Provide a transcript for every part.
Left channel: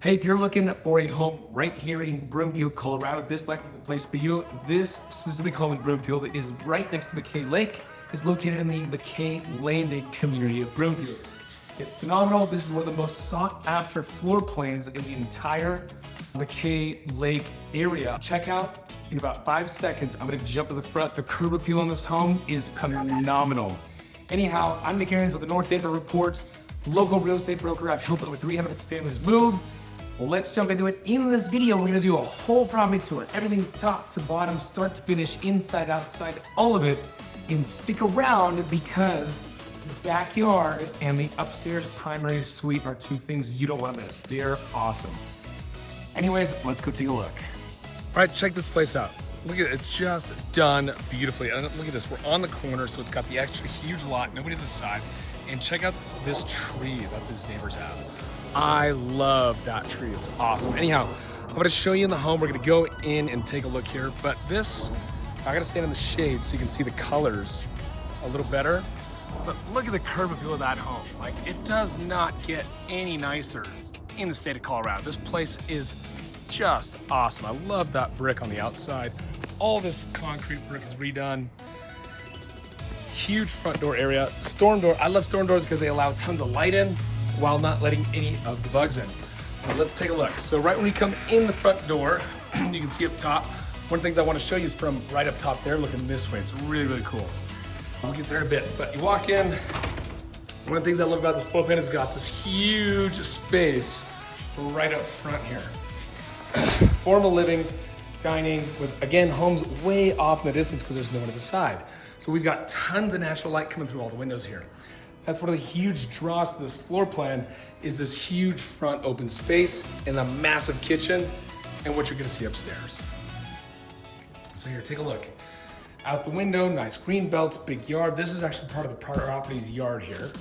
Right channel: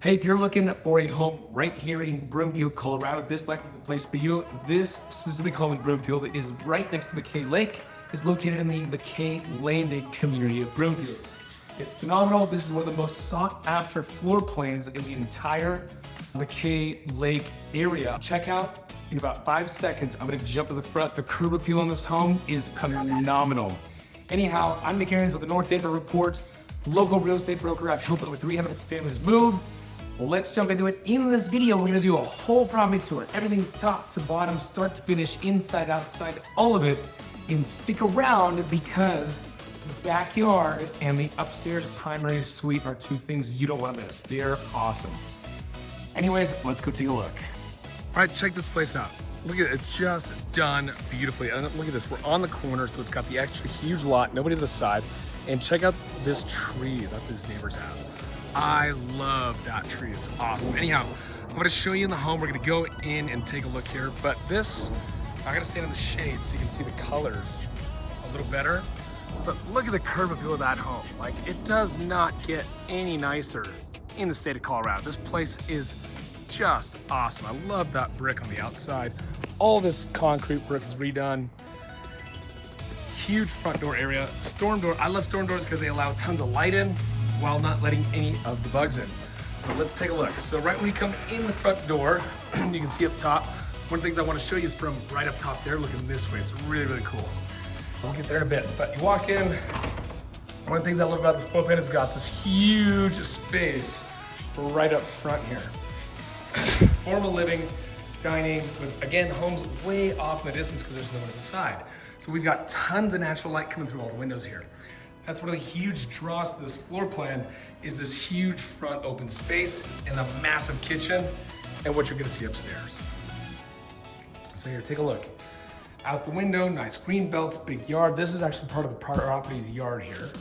Hey, if you're looking for a home right here in Broomfield, Colorado, this might be the place for you. This specific home in Broomfield is right next to McKay Lake. It's located in the McKay Landing community of Broomfield. It's phenomenal. This is one of the most sought after floor plans in the entire McKay Lake area. Check out in about 5 seconds. I'm gonna jump to the front. The curb appeal on this home is phenomenal. Anyhow, I'm Nick Ahrens with the North Denver Report, local real estate broker. I've helped over 300 families move. Well, let's jump into it. In this video, we're gonna do a whole property tour, everything top to bottom, start to finish, inside, outside, all of it. And stick around because the backyard and the upstairs primary suite are two things you don't wanna miss. They're awesome. Anyways, let's go take a look. All right, check this place out. Look at it, it's just done beautifully. And look at this, we're on the corner, so it's got the extra huge lot, nobody to the side. And check out this tree that these neighbors have. I love that tree, it's awesome. Anyhow, I'm gonna show you in the home. We're gonna go in and take a look here, but this, I gotta stand in the shade so you can see the colors a little better. But look at the curb appeal of that home. Like, it does not get any nicer in the state of Colorado. This place is just awesome. I love that brick on the outside. All this concrete brick is redone. Huge front door area. Storm door, I love storm doors because they allow tons of light in while not letting any of the bugs in. But let's take a look. So right when you come in the front door, you can see up top, one of the things I want to show you is from right up top there, looking this way. It's really, really cool. We'll get there in a bit, but you walk in, one of the things I love about this floor plan is it's got this huge space right up front here. Formal living, dining, with, again, homes way off in the distance because there's no one to the side. So we've got tons of natural light coming through all the windows here. That's one of the huge draws to this floor plan is this huge front open space and the massive kitchen and what you're gonna see upstairs. So here, take a look. Out the window, nice green belts, big yard. This is actually part of the property's yard here.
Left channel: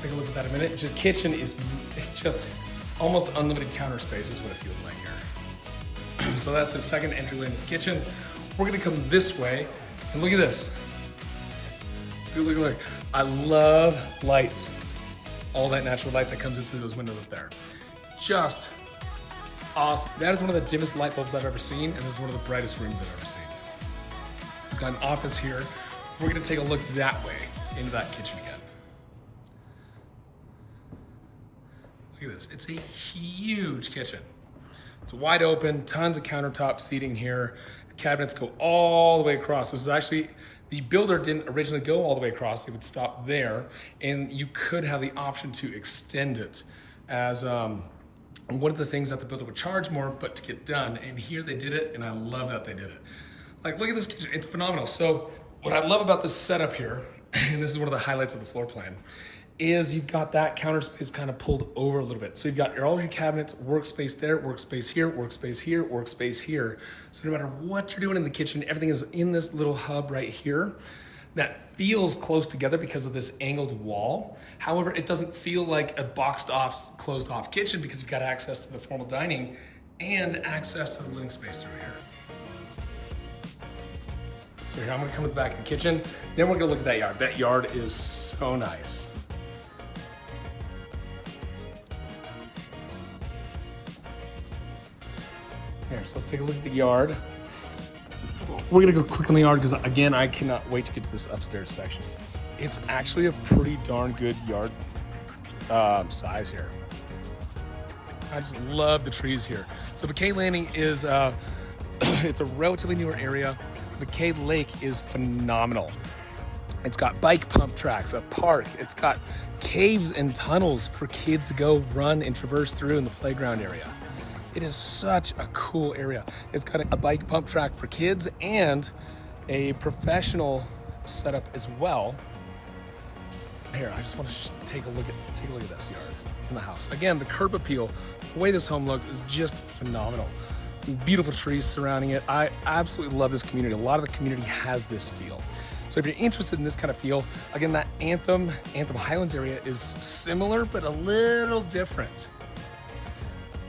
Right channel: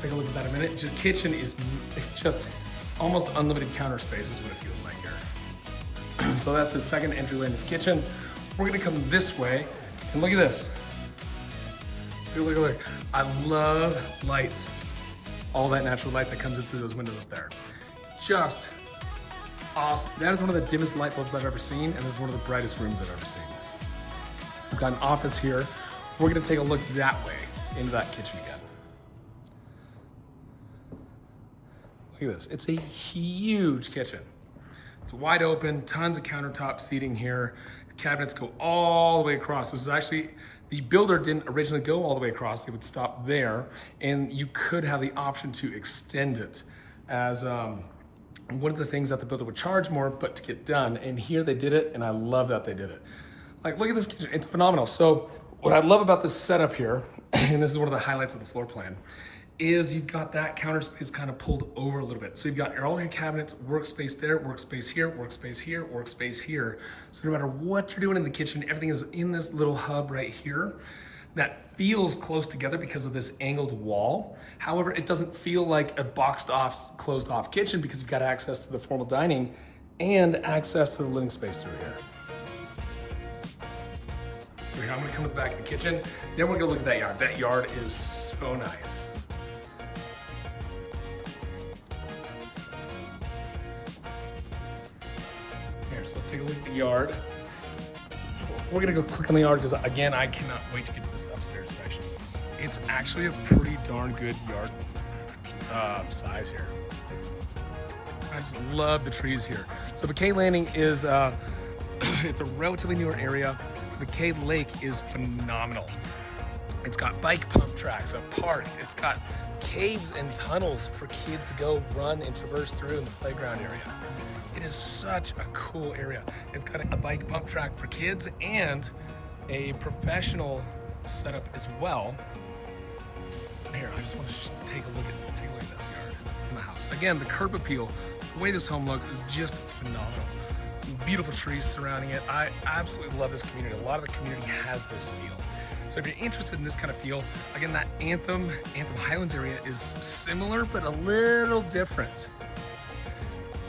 Take a look at that in a minute. The kitchen is just almost unlimited counter space is what it feels like here. So that's the second entryway into the kitchen. We're gonna come this way and look at this. Look, look, look. I love lights. All that natural light that comes in through those windows up there. Just awesome. That is one of the dimmest light bulbs I've ever seen, and this is one of the brightest rooms I've ever seen. It's got an office here. We're gonna take a look that way into that kitchen again. Look at this, it's a huge kitchen. It's wide open, tons of countertop seating here. Cabinets go all the way across. This is actually, the builder didn't originally go all the way across. They would stop there, and you could have the option to extend it as one of the things that the builder would charge more, but to get done. And here they did it, and I love that they did it. Like, look at this kitchen, it's phenomenal. So what I love about this setup here, and this is one of the highlights of the floor plan, is you've got that counter space kind of pulled over a little bit. So you've got all your cabinets, workspace there, workspace here, workspace here, workspace here. So no matter what you're doing in the kitchen, everything is in this little hub right here that feels close together because of this angled wall. However, it doesn't feel like a boxed off, closed off kitchen because you've got access to the formal dining and access to the living space through here. So here, I'm gonna come to the back of the kitchen. Then we're gonna look at that yard. That yard is so nice. So let's take a look at the yard. We're gonna go quick on the yard because, again, I cannot wait to get to this upstairs section. It's actually a pretty darn good yard size here. I just love the trees here. So McKay Landing is, it's a relatively newer area. McKay Lake is phenomenal. It's got bike pump tracks, a park. It's got caves and tunnels for kids to go run and traverse through in the playground area. It is such a cool area. It's got a bike pump track for kids and a professional setup as well. Here, I just want to take a look at this yard in the house. Again, the curb appeal, the way this home looks is just phenomenal. Beautiful trees surrounding it. I absolutely love this community. A lot of the community has this feel. So if you're interested in this kind of feel, again, that Anthem Highlands area is similar, but a little different.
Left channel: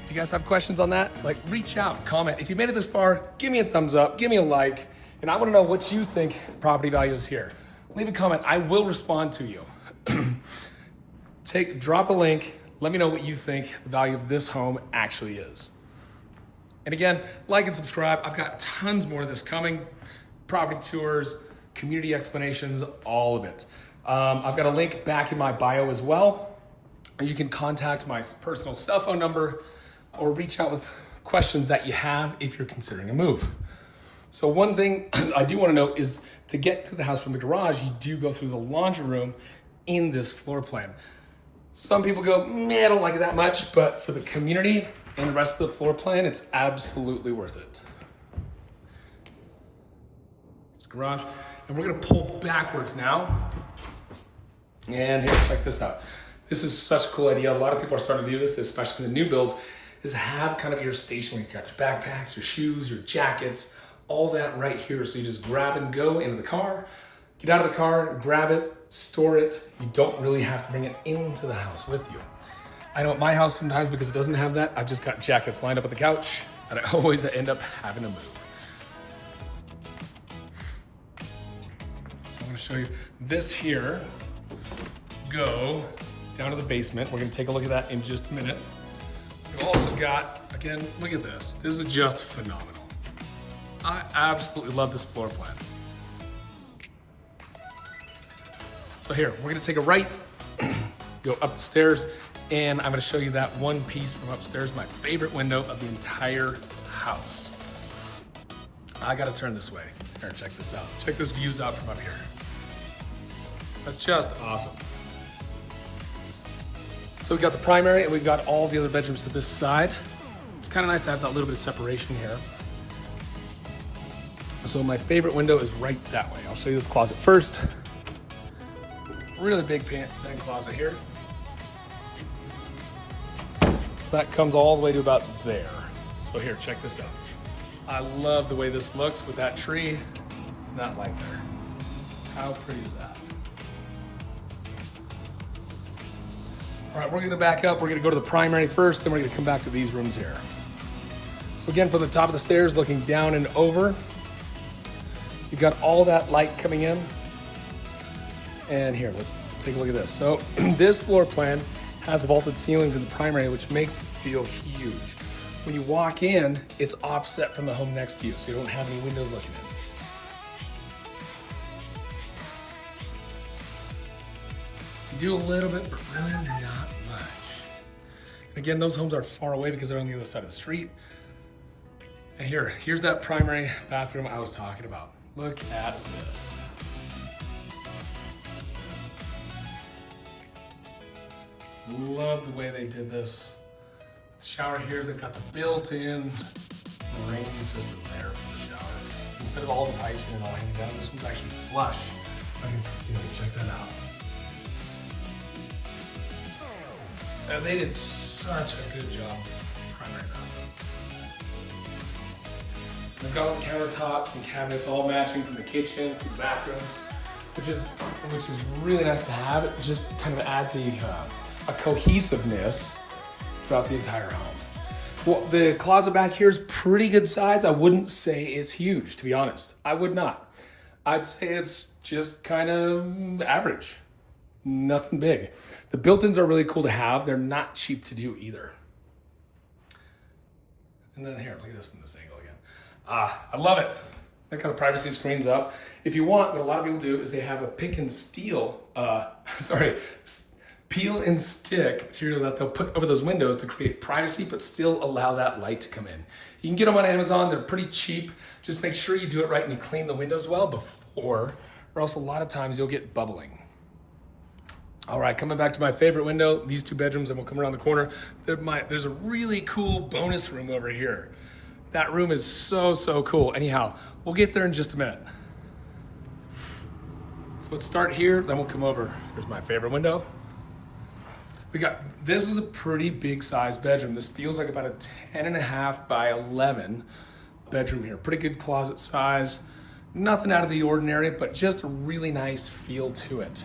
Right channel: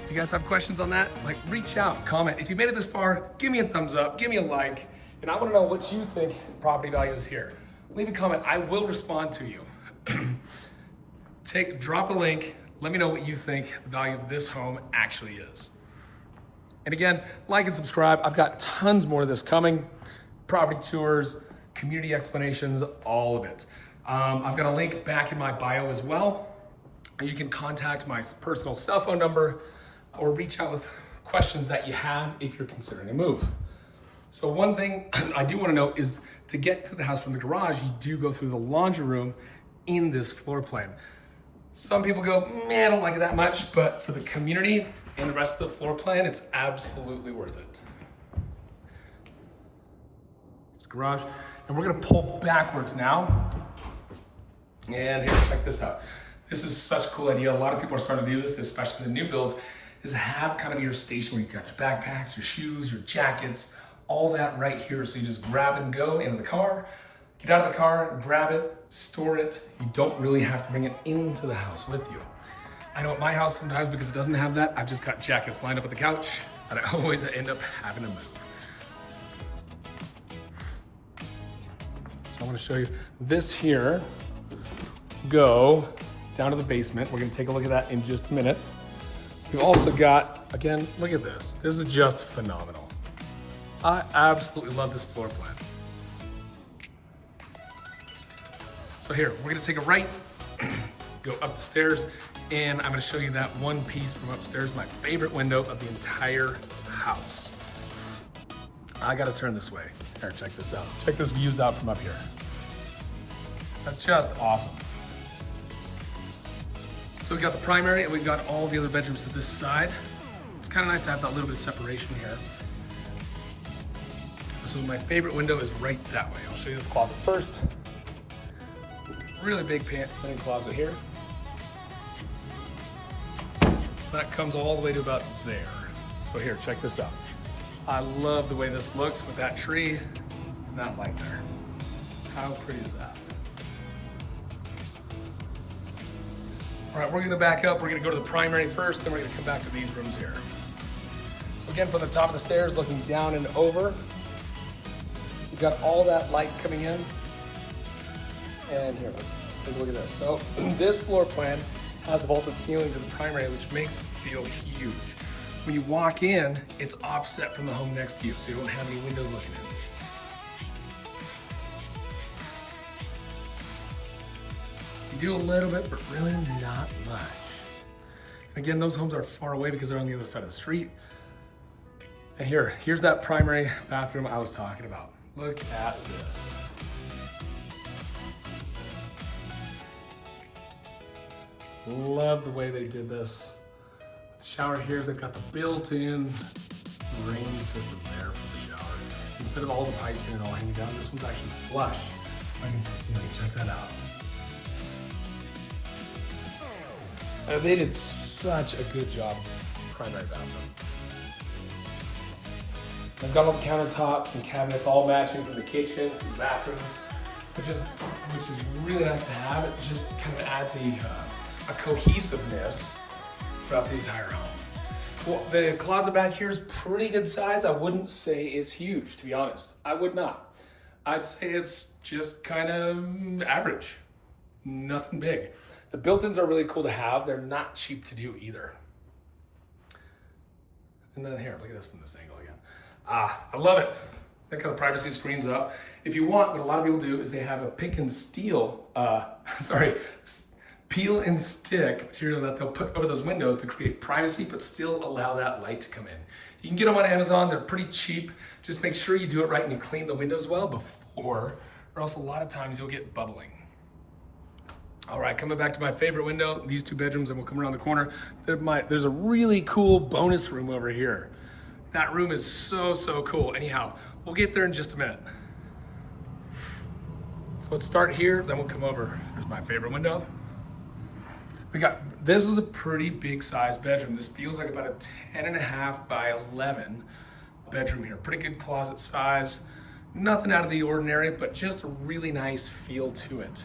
If you guys have questions on that, like, reach out, comment. If you made it this far, give me a thumbs up, give me a like, and I wanna know what you think property value is here. Leave a comment, I will respond to you. Drop a link, Let me know what you think the value of this home actually is. And again, like and subscribe. I've got tons more of this coming. Property tours, community explanations, all of it. I've got a link back in my bio as well. You can contact my personal cell phone number or reach out with questions that you have if you're considering a move. So one thing I do want to note is to get to the house from the garage, you do go through the laundry room in this floor plan. Some people go, I don't like it that much, but for the community and the rest of the floor plan, it's absolutely worth it. It's garage, and we're gonna pull backwards now. And here, check this out. This is such a cool idea. A lot of people are starting to do this, especially the new builds, is have kind of your station where you got your backpacks, your shoes, your jackets, all that right here. So you just grab and go into the car, get out of the car, grab it, store it. You don't really have to bring it into the house with you. I know at my house sometimes, because it doesn't have that, I've just got jackets lined up on the couch and I always end up having to move. So I want to show you this here. Go down to the basement. We're gonna take a look at that in just a minute. We've also got, again, look at this. This is just phenomenal. I absolutely love this floor plan. So here, we're gonna take a right, go up the stairs, and I'm gonna show you that one piece from upstairs, my favorite window of the entire house. I gotta turn this way. Here, check this out. Check this views out from up here. That's just awesome. So we've got the primary and we've got all the other bedrooms to this side. It's kind of nice to have that little bit of separation here. So my favorite window is right that way. I'll show you this closet first. Really big pan closet here. So that comes all the way to about there. So here, check this out. I love the way this looks with that tree and that light there. How pretty is that? All right, we're gonna back up. We're gonna go to the primary first, and we're gonna come back to these rooms here. So again, from the top of the stairs, looking down and over, you've got all that light coming in. And here, let's take a look at this. So this floor plan has the vaulted ceilings in the primary, which makes it feel huge. When you walk in, it's offset from the home next to you, so you don't have any windows looking in. You do a little bit, but really not much. And again, those homes are far away because they're on the other side of the street. And here's that primary bathroom I was talking about. Look at this. Love the way they did this. The shower here, they've got the built-in rain system there for the shower. Instead of all the pipes in it all hanging down, this one's actually flush. I can see, check that out. They did such a good job with this primary bathroom. I've got all the countertops and cabinets all matching from the kitchen to the bathrooms, which is really nice to have. It just kind of adds a cohesiveness throughout the entire home. Well, the closet back here is pretty good size. I wouldn't say it's huge, to be honest. I would not. I'd say it's just kind of average. Nothing big. The built-ins are really cool to have. They're not cheap to do either. And then here, look at this from this angle again. I love it. That kind of privacy screens up. If you want, what a lot of people do is they have a pick and steel, peel and stick material that they'll put over those windows to create privacy, but still allow that light to come in. You can get them on Amazon. They're pretty cheap. Just make sure you do it right and you clean the windows well before, or else a lot of times you'll get bubbling. All right, coming back to my favorite window, these two bedrooms, and we'll come around the corner. There's a really cool bonus room over here. That room is so cool. Anyhow, we'll get there in just a minute. So let's start here, then we'll come over. Here's my favorite window. This is a pretty big size bedroom. This feels like about a 10.5 by 11 bedroom here. Pretty good closet size. Nothing out of the ordinary, but just a really nice feel to it.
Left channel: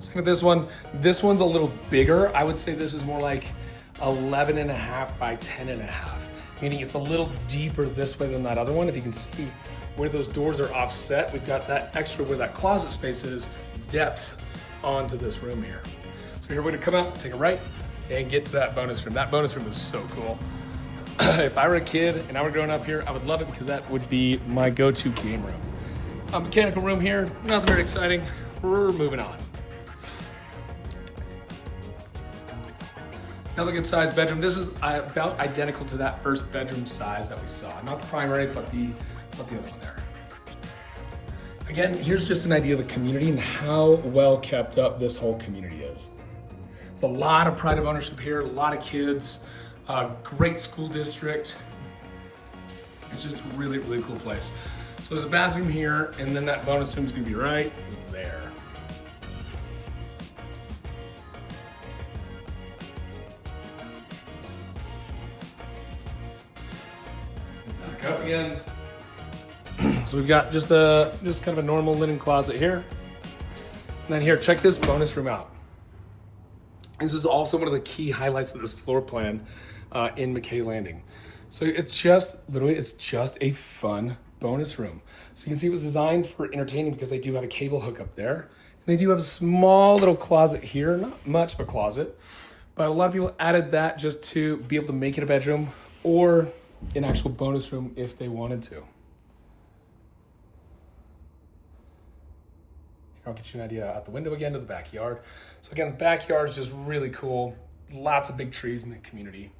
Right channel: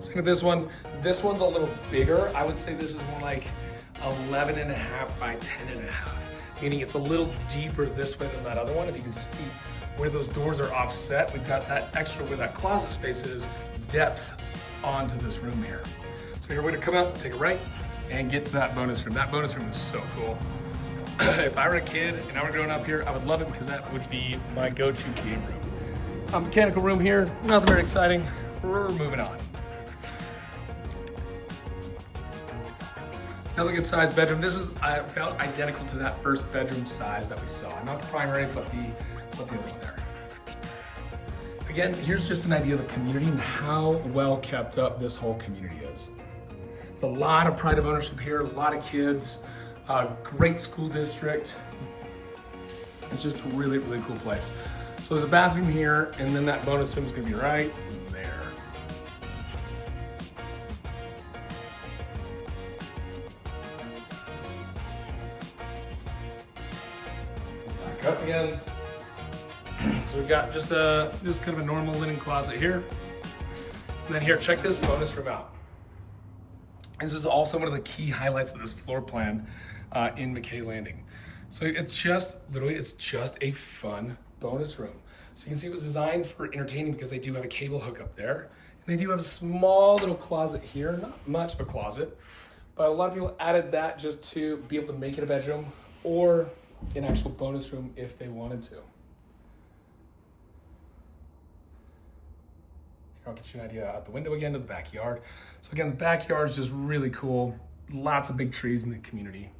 Same with this one. This one's a little bigger. I would say this is more like 11.5 by 10.5, meaning it's a little deeper this way than that other one. If you can see where those doors are offset, we've got that extra where that closet space is, depth onto this room here. So here we're gonna come out, take a right, and get to that bonus room. That bonus room is so cool. If I were a kid and I were growing up here, I would love it because that would be my go-to game room. A mechanical room here, nothing very exciting. We're moving on. Another good sized bedroom. This is about identical to that first bedroom size that we saw. Not the primary, but the other one there. Again, here's just an idea of the community and how well kept up this whole community is. It's a lot of pride of ownership here, a lot of kids, great school district. It's just a really, really cool place. So there's a bathroom here, and then that bonus room's gonna be right there. Back up again. So we've got just kind of a normal linen closet here. And then here, check this bonus room out. This is also one of the key highlights of this floor plan in McKay Landing. So it's just, literally, it's just a fun bonus room. So you can see it was designed for entertaining because they do have a cable hookup there. And they do have a small little closet here, not much of a closet, but a lot of people added that just to be able to make it a bedroom or an actual bonus room if they wanted to. I'll get you an idea out the window again to the backyard. So again, the backyard is just really cool. Lots of big trees in the community.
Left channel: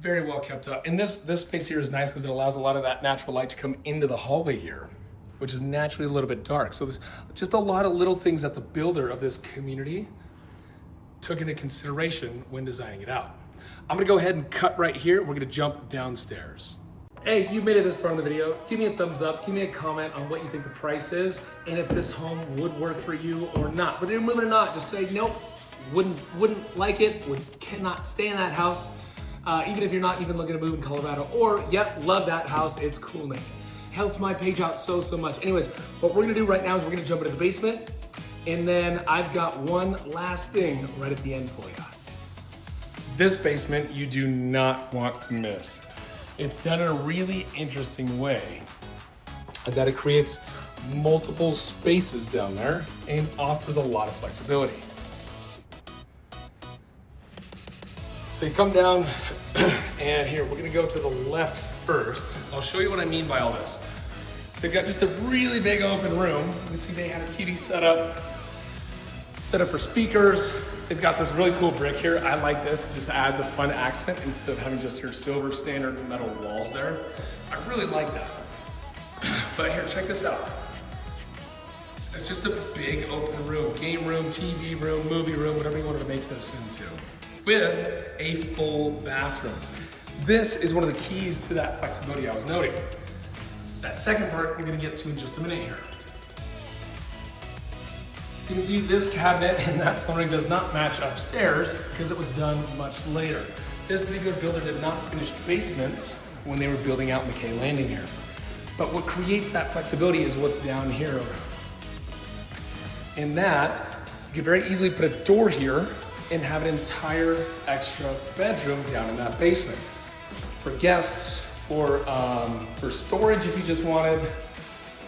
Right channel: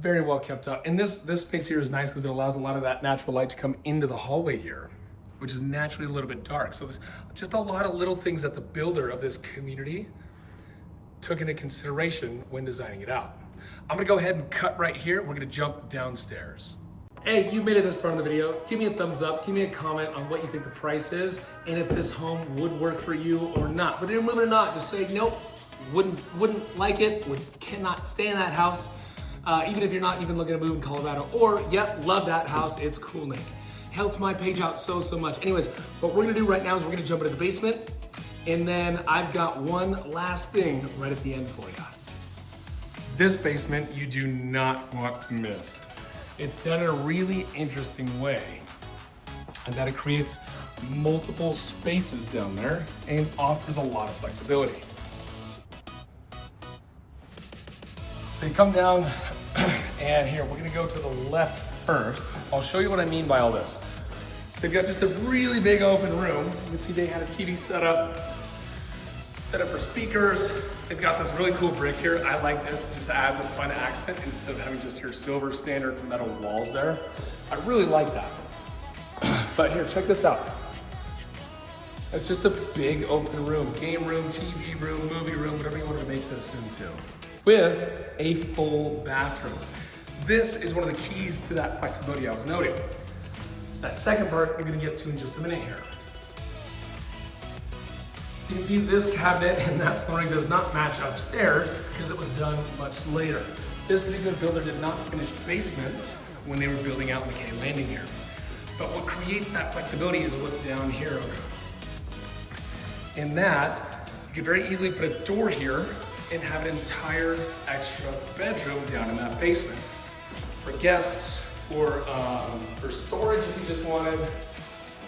Very well kept up. And this space here is nice because it allows a lot of that natural light to come into the hallway here, which is naturally a little bit dark. So there's just a lot of little things that the builder of this community took into consideration when designing it out. I'm gonna go ahead and cut right here. We're gonna jump downstairs. Hey, you made it this far in the video. Give me a thumbs up, give me a comment on what you think the price is and if this home would work for you or not. Whether you're moving or not, just say nope, wouldn't like it, cannot stay in that house. Even if you're not even looking to move in Colorado, or yep, love that house, it's cool, Nick. Helps my page out so much. Anyways, what we're gonna do right now is we're gonna jump into the basement, and then I've got one last thing right at the end for you. This basement you do not want to miss. It's done in a really interesting way, and that it creates multiple spaces down there and offers a lot of flexibility. So you come down, and here, we're gonna go to the left first. I'll show you what I mean by all this. So they've got just a really big open room. You can see they had a TV set up for speakers. They've got this really cool brick here. I like this, it just adds a fun accent instead of having just your silver standard metal walls there. I really like that. But here, check this out. It's just a big open room, game room, TV room, movie room, whatever you want to make this into, with a full bathroom. This is one of the keys to that flexibility I was noting. That second part we're gonna get to in just a minute here. So you can see this cabinet and that flooring does not match upstairs because it was done much later. This particular builder did not finish basements when they were building out McKay Landing here. But what creates that flexibility is what's down here. In that, you can very easily put a door here and have an entire extra bedroom down in that basement. For guests, for storage if you just wanted,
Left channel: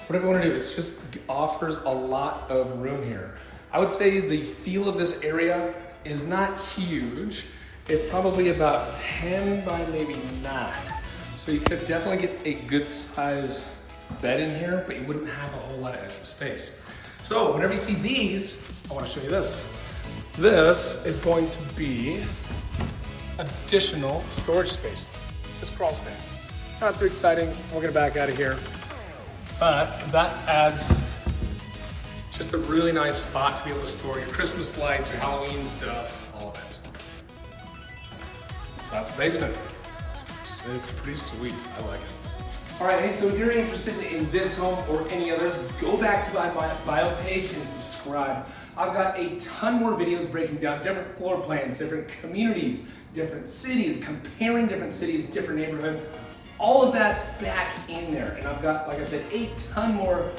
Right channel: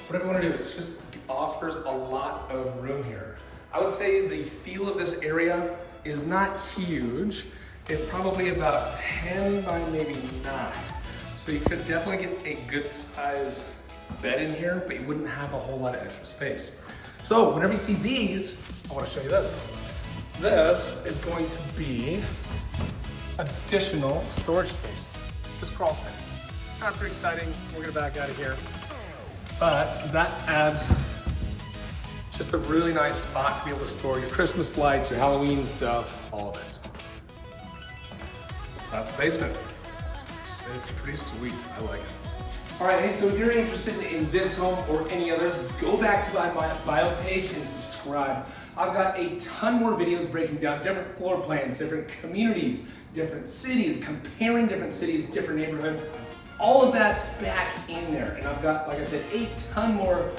whatever you want to do, it just offers a lot of room here. I would say the feel of this area is not huge. It's probably about 10 by maybe 9. So you could definitely get a good size bed in here, but you wouldn't have a whole lot of extra space. So whenever you see these, I want to show you this. This is going to be additional storage space, this crawl space. Not too exciting, we're gonna back out of here. But that adds just a really nice spot to be able to store your Christmas lights, your Halloween stuff, all of it. So that's the basement. It's pretty sweet, I like it. All right, hey, so if you're interested in this home or any others, go back to my bio page and subscribe. I've got a ton more videos breaking down different floor plans, different communities, different cities, comparing different cities, different neighborhoods. All of that's back in there. And I've got, like I said, a ton more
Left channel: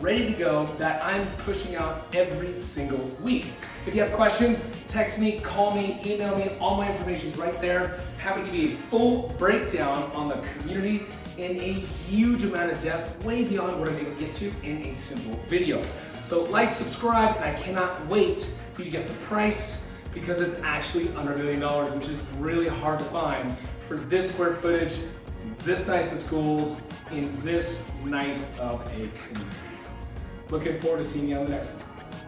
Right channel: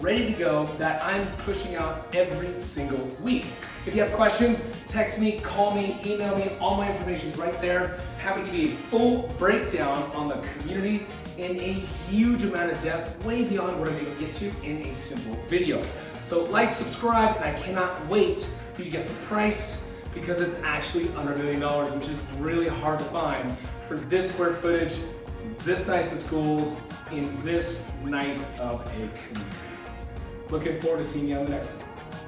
ready to go that I'm pushing out every single week. If you have questions, text me, call me, email me, all my information's right there. Happy to give you a full breakdown on the community in a huge amount of depth, way beyond what I'm able to get to in a simple video. So like, subscribe, and I cannot wait for you to guess the price because it's actually under $1 million, which is really hard to find for this square footage, this nice of schools, in this nice of a community. Looking forward to seeing you on the next one.